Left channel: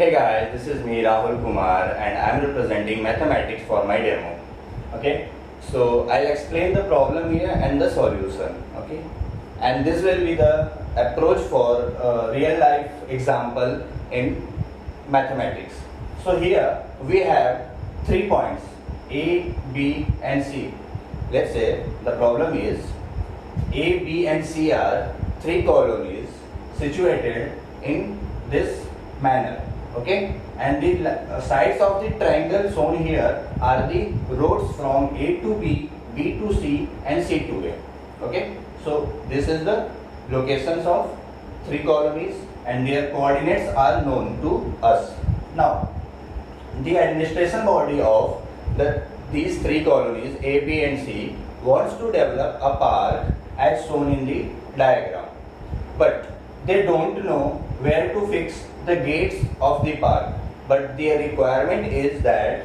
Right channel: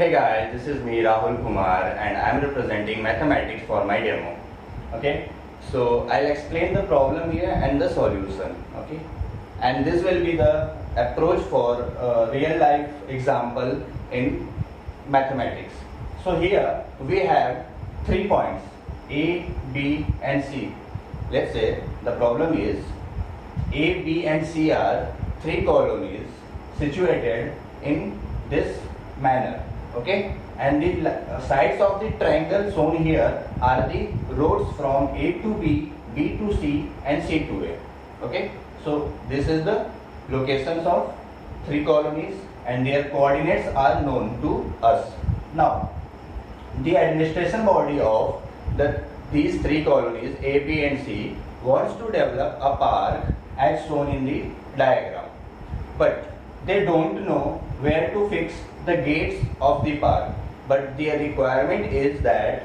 Hey guys, this is me Rahul Kumar and I am representing mathematics for my demo. Okay, so I'll explain the problem here and the solution. Okay, and this will be the approach for real life example in mathematics. So here we have 3 points A, B and C. Let's say the problem is A, B and C are 3 colonies situated in this manner. Okay, and the sides of the triangle shown here are the roads from A to B, B to C and C to A. Okay, so this is the locations of 3 colonies and their coordinates are known to us. Now the administration body of these 3 colonies A, B and C wants to develop a park as shown in the diagram, but they don't know where to fix the gates of the park, but their requirement is that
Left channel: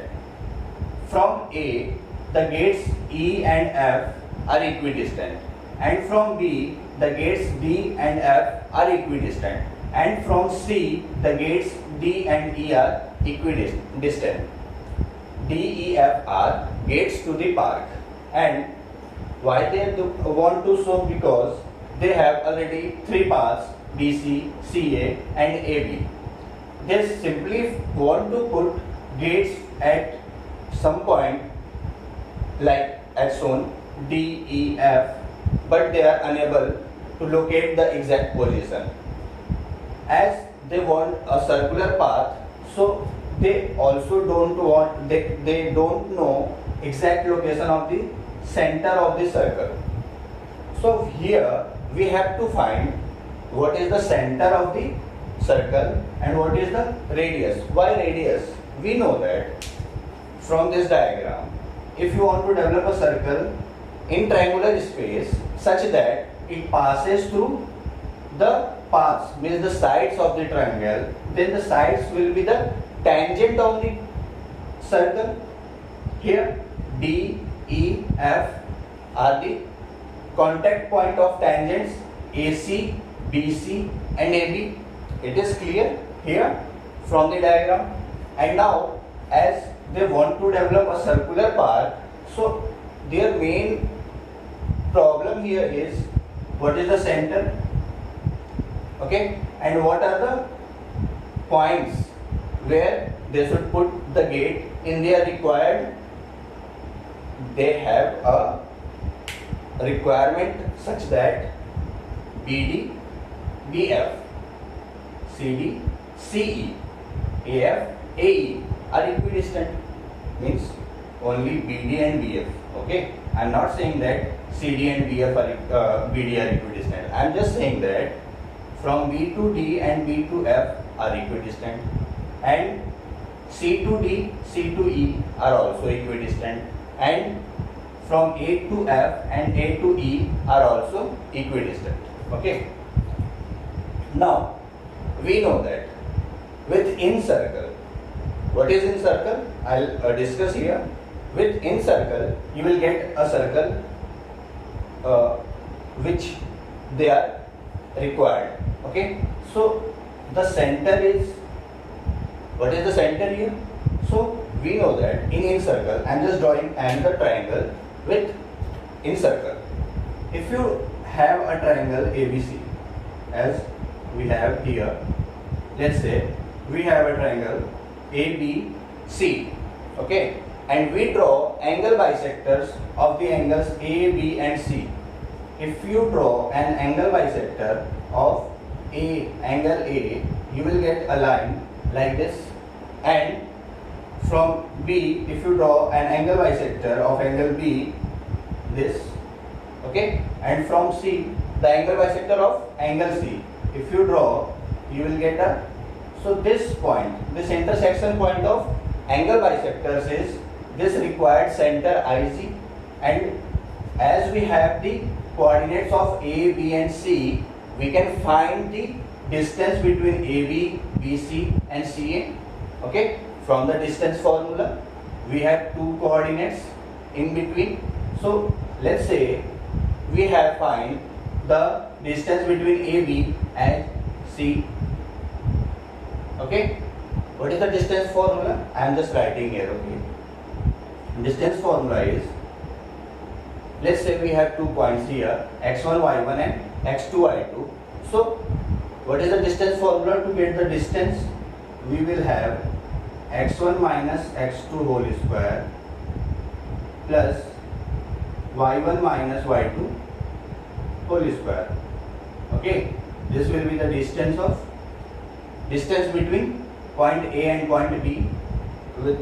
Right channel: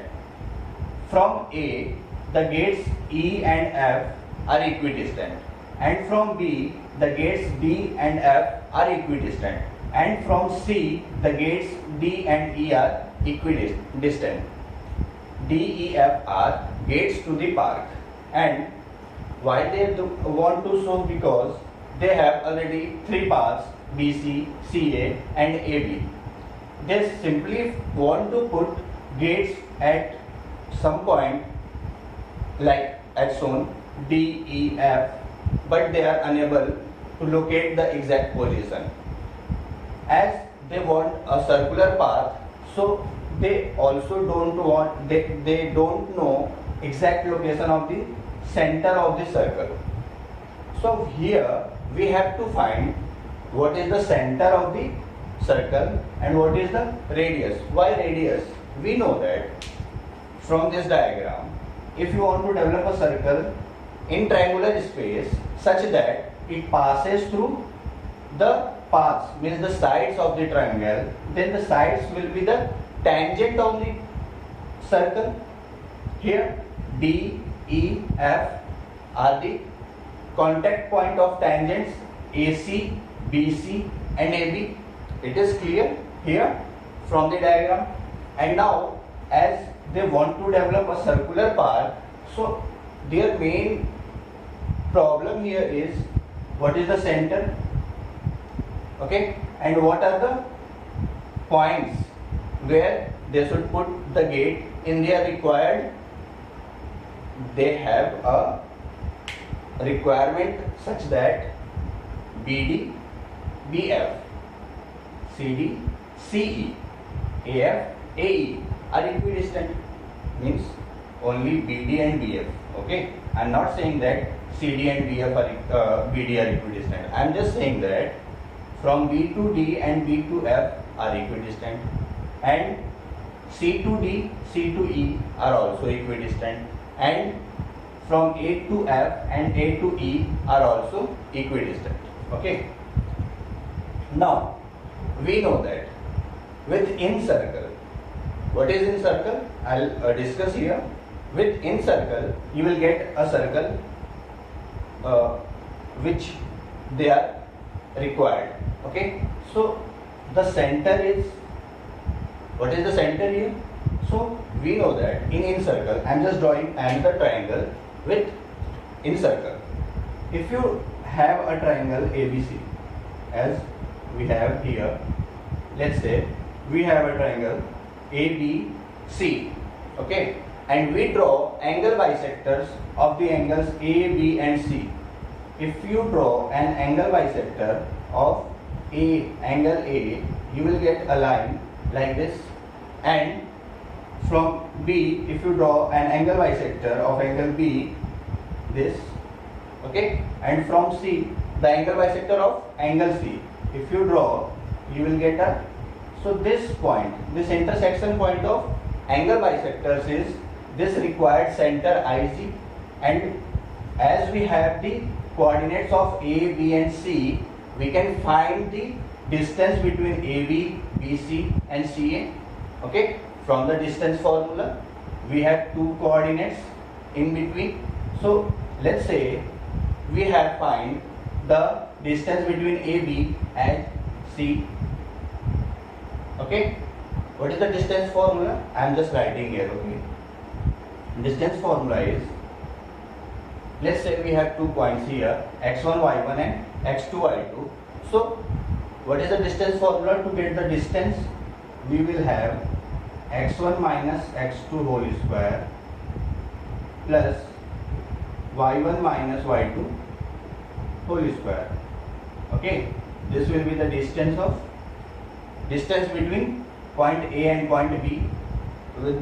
from A the gates E and F are equidistant, and from B the gates D and F are equidistant, and from C the gates D and E are equidistant. D, E, F are gates to the park, and why they want to show? Because they have already 3 paths BC, CA and AB. They simply want to put gates at some point like as shown D, E, F, but they are unable to locate the exact position. As they want a circular path, so they also they don't know exact location of the center of the circle. So here we have to find what is the center of the circle and what is the radius. Why radius? We know that from this diagram, if you want to develop a circle in triangular space such that it passes through the paths, means the sides of the triangle, then the sides will be the tangent of the circle. Here D, E, F are the contact point of tangents AC, BC and AB. It is clear here from the diagram. And now as they want to develop a circular park, so their main problem here is what is the center, okay, and what are the points where they should put the gate in their required. They have a requirement such that BD, BF, CD, CE, AF, AE are equidistant, means only BD and BF. Okay, I am not saying that CD and BF are BD are equidistant. I am just saying that from B to D and B to F are equidistant, and C to D, C to E are also equidistant, and from A to F and A to E are also equidistant. Okay. Now we know that with Incircle, what is Incircle? I'll discuss here. With Incircle, you will get a circle which they are required. Okay. So the center is, what is the center here? So we know that in Incircle, I am just drawing another triangle with Incircle. If you have a triangle ABC as we have here, let's say we have a triangle ABC, okay, and we draw angle bisectors of the angles A, B and C. If you draw an angle bisector of angle A, you will get a line like this, and from B, if you draw an angle bisector of angle B, this, okay, and from C, the angle bisector of angle C, if you draw, you will get a, so this point, this intersection point of angle bisectors is this required center IC, and as we have the coordinates of A, B and C, we can find the distance between AB, BC and CA. Okay, from the distance formula we have 2 coordinates in between. So let's say we have find the distance between AB and C. Okay, What is the distance formula? I am just writing here, okay. Distance formula is, let's say we have 2 points here, x1, y1 and x2, y2. So what is the distance formula to get the distance? We will have x1 minus x2 whole square plus y1 minus y2 whole square. Okay, this will be the distance between point A and point B with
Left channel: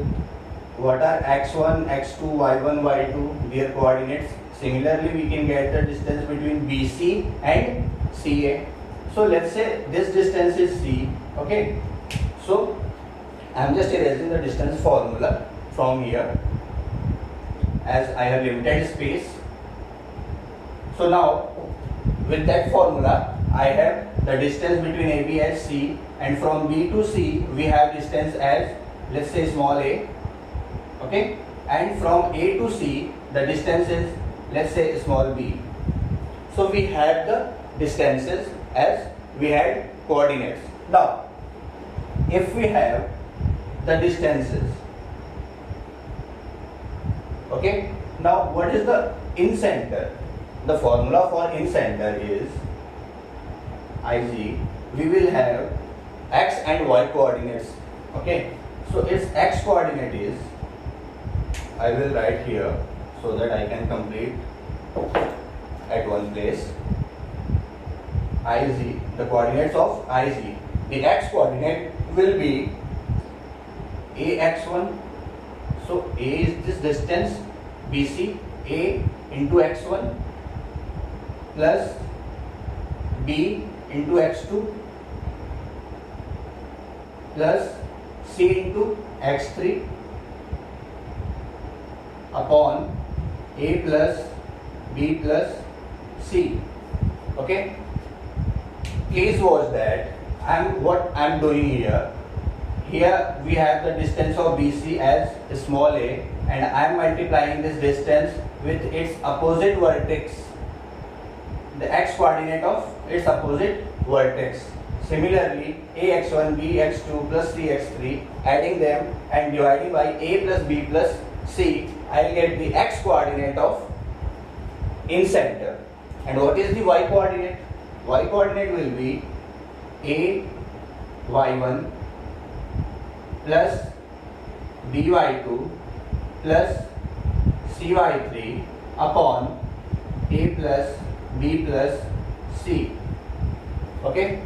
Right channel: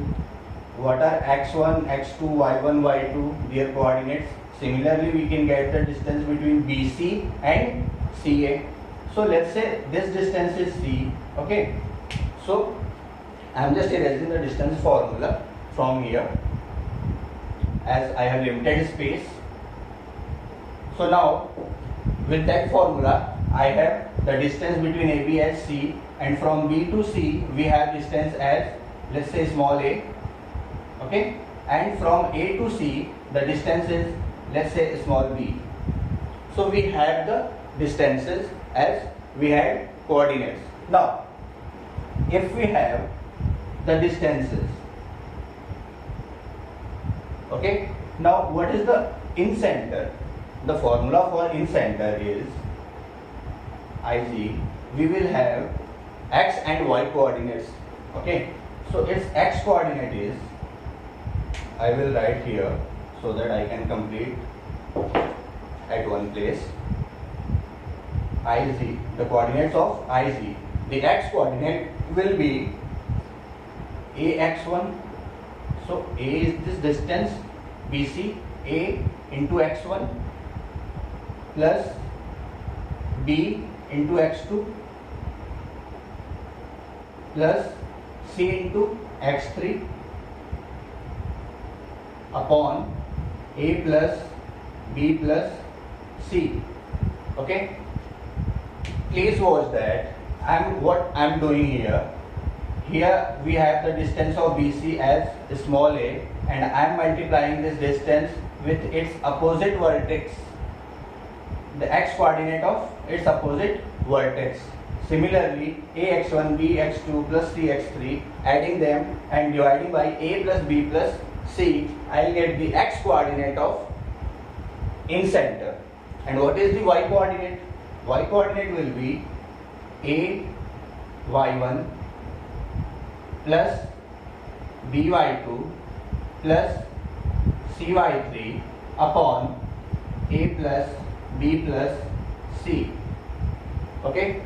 what are x1, x2, y1, y2, their coordinates. Similarly, we can get the distance between BC and CA. So let's say this distance is C. Okay, so I am just erasing the distance formula from here as I have limited space. So now with that formula I have the distance between AB as C, and from B to C we have distance as, let's say, small a. Okay, and from A to C the distance is, let's say, small b. So we have the distances as we had coordinates. Now if we have the distances, okay, now what is the in center? The formula for in center is IG. We will have x and y coordinates. Okay, so its x coordinate is, I will write here so that I can complete at one place. IG, the coordinates of IG. The x coordinate will be ax1. So A is this distance BC, A into x1 plus B into x2 plus C into x3 upon A plus B plus C. Okay, please watch that. What I'm doing here. Here we have the distance of BC as small a, and I am multiplying this distance with its opposite vertex, the x coordinate of its opposite vertex. Similarly, ax1, bx2 plus cx3, adding them and dividing by a plus b plus c, I will get the x coordinate of in center. And what is the y coordinate? Y coordinate will be a y1 plus by2 plus cy3 upon a plus b plus c. Okay,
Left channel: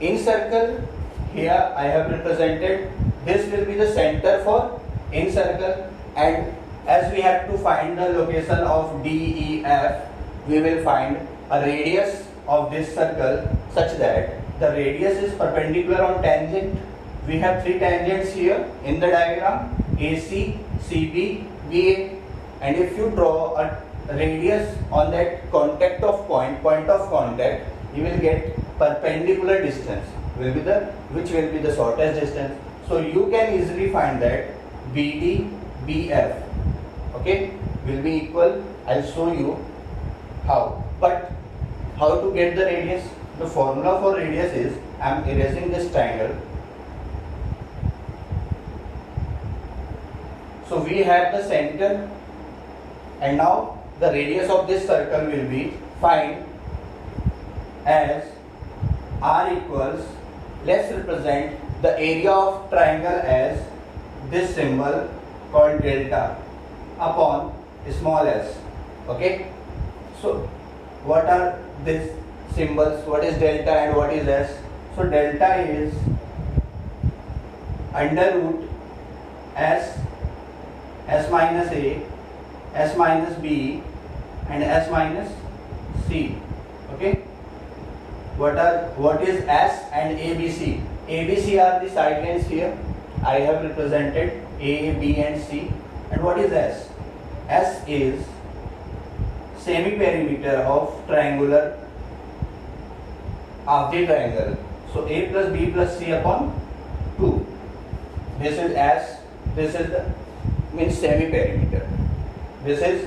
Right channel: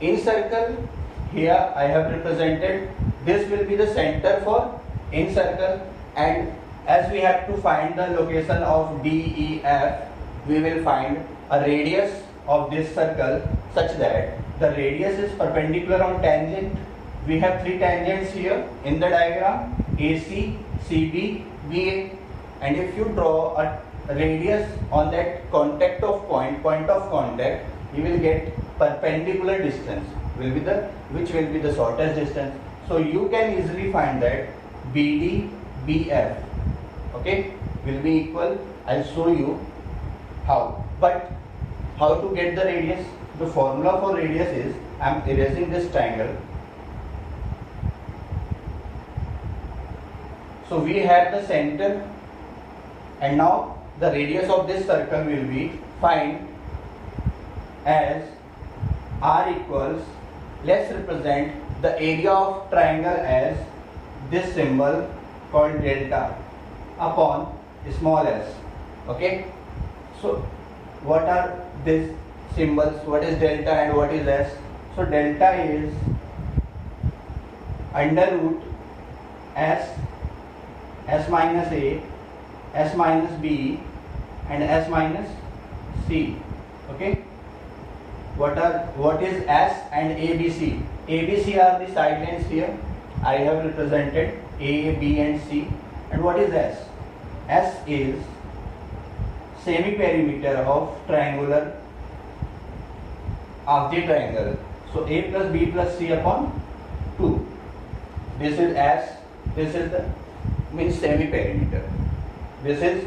Incircle, here I have represented, this will be the center for Incircle, and as we have to find the location of DEF, we will find a radius of this circle such that the radius is perpendicular on tangent. We have 3 tangents here in the diagram, AC, CB, BA, and if you draw a radius on that point of contact, you will get perpendicular distance which will be the shortest distance. So you can easily find that BD, BF, okay, will be equal. I'll show you how. But how to get the radius? The formula for radius is, I'm erasing this triangle. So we have the center, and now the radius of this circle will be find as R equals, let's represent the area of triangle as this symbol called delta upon small s. Okay, so what are these symbols? What is delta and what is s? So delta is under root s minus a, s minus b, and s minus c. Okay, what is s and abc? ABC are the side lines here. I have represented a, b, and c. And what is s? S is semi-perimeter of triangular of the triangle. So a plus b plus c upon 2. This is s. This is the means semi-perimeter. This is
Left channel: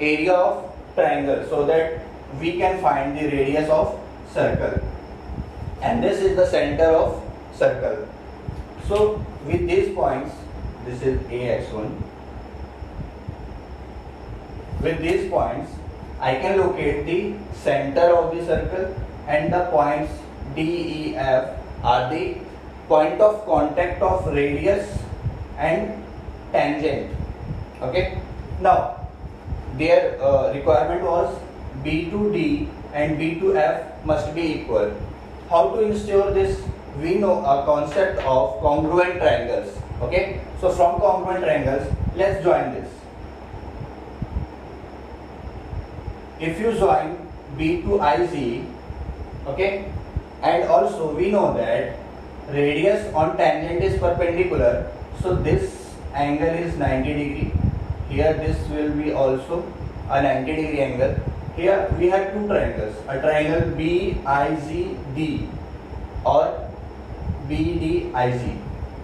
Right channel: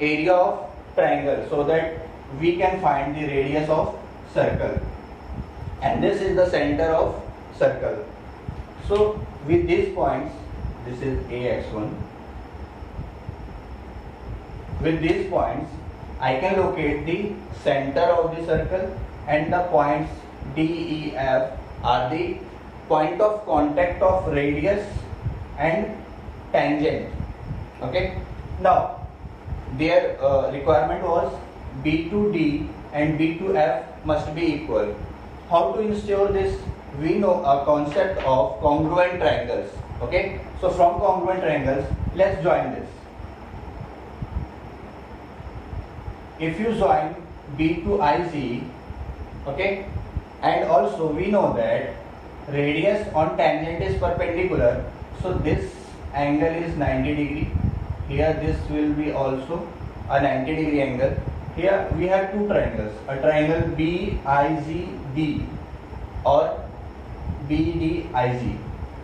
area of triangle, so that we can find the radius of circle. And this is the center of circle. So with these points, this is AX1. With these points, I can locate the center of the circle, and the points D, E, F are the point of contact of radius and tangent. Okay. Now their requirement was B to D and B to F must be equal. How to ensure this? We know a concept of congruent triangles. Okay. So from congruent triangles, let's join this. If you join B to IZ, okay, and also we know that radius on tangent is perpendicular, so this angle is 90 degree. Here this will be also a 90 degree angle. Here we have two triangles, a triangle BIZD or BDIZ,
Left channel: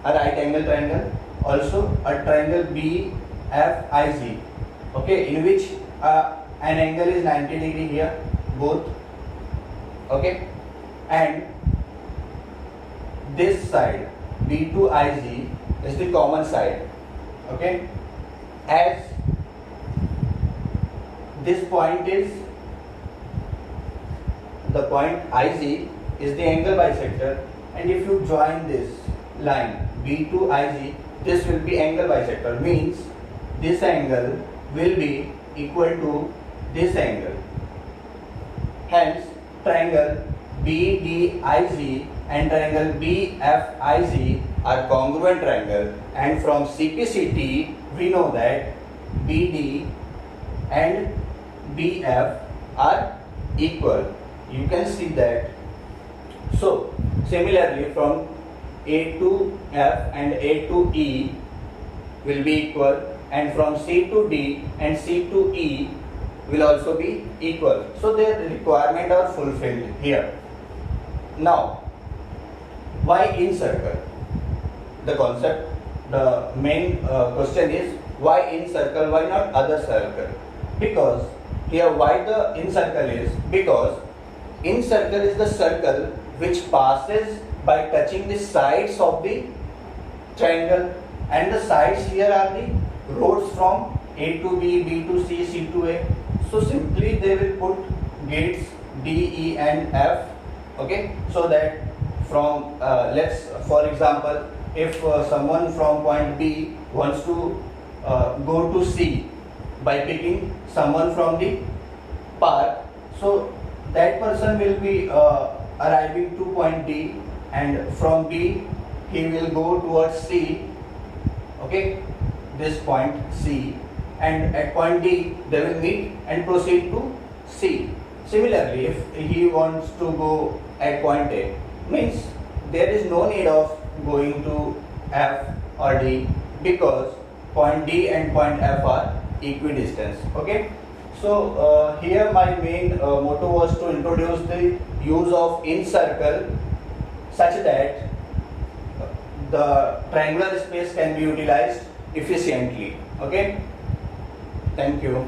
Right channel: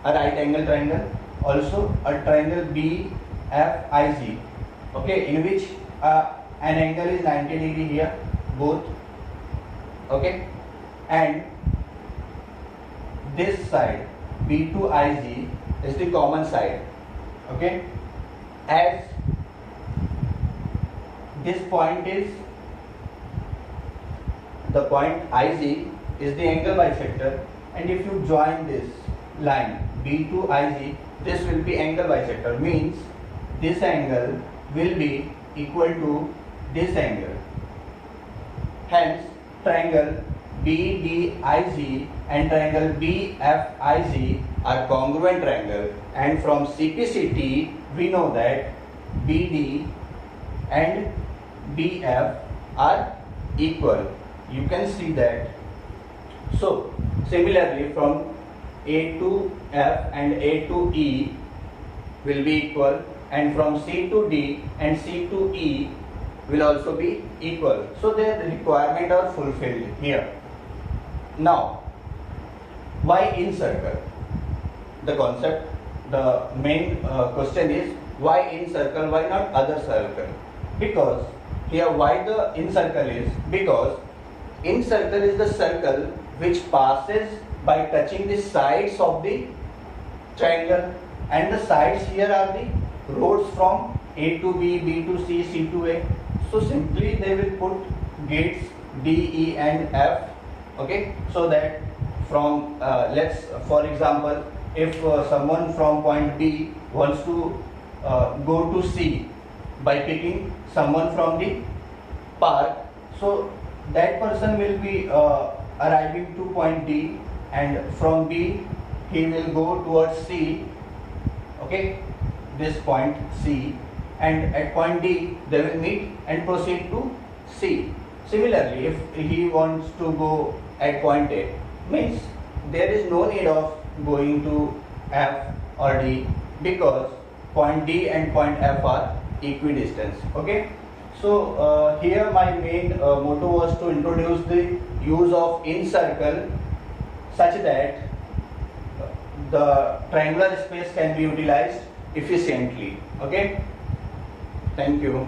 a right angle triangle, also a triangle BFIZ, okay, in which an angle is 90 degree here, both, okay, and this side B2IZ is the common side, okay, as this point is, the point IZ is the angle bisector, and if you join this line B2IZ, this will be angle bisector, means this angle will be equal to this angle. Hence, triangle BDIZ and triangle BFIZ are congruent triangle, and from CPCT we know that BD and BF are equal. You can see that. So similarly, from A to F and A to E will be equal, and from C to D and C to E will also be equal. So their requirement are fulfilled here. Now, why incircle? The concept, the main question is why incircle, why not other circle? Because here why the incircle is, because incircle is the circle which passes by touching the sides of the triangle, and the sides here are the roads from A to B, B to C, C to A. So simply they will put gates D, E and F, okay, so that from let's, for example, if someone from point B wants to go to C by picking someone from the park, so that person will be arriving to point D, and from B he will go towards C, okay, this point C, and at point D they will meet and proceed to C. Similarly, if he wants to go at point A, means there is no need of going to F or D, because point D and point F are equidistant. Okay. So here my main motto was to introduce the use of incircle such that the triangular space can be utilized efficiently. Okay. Thank you.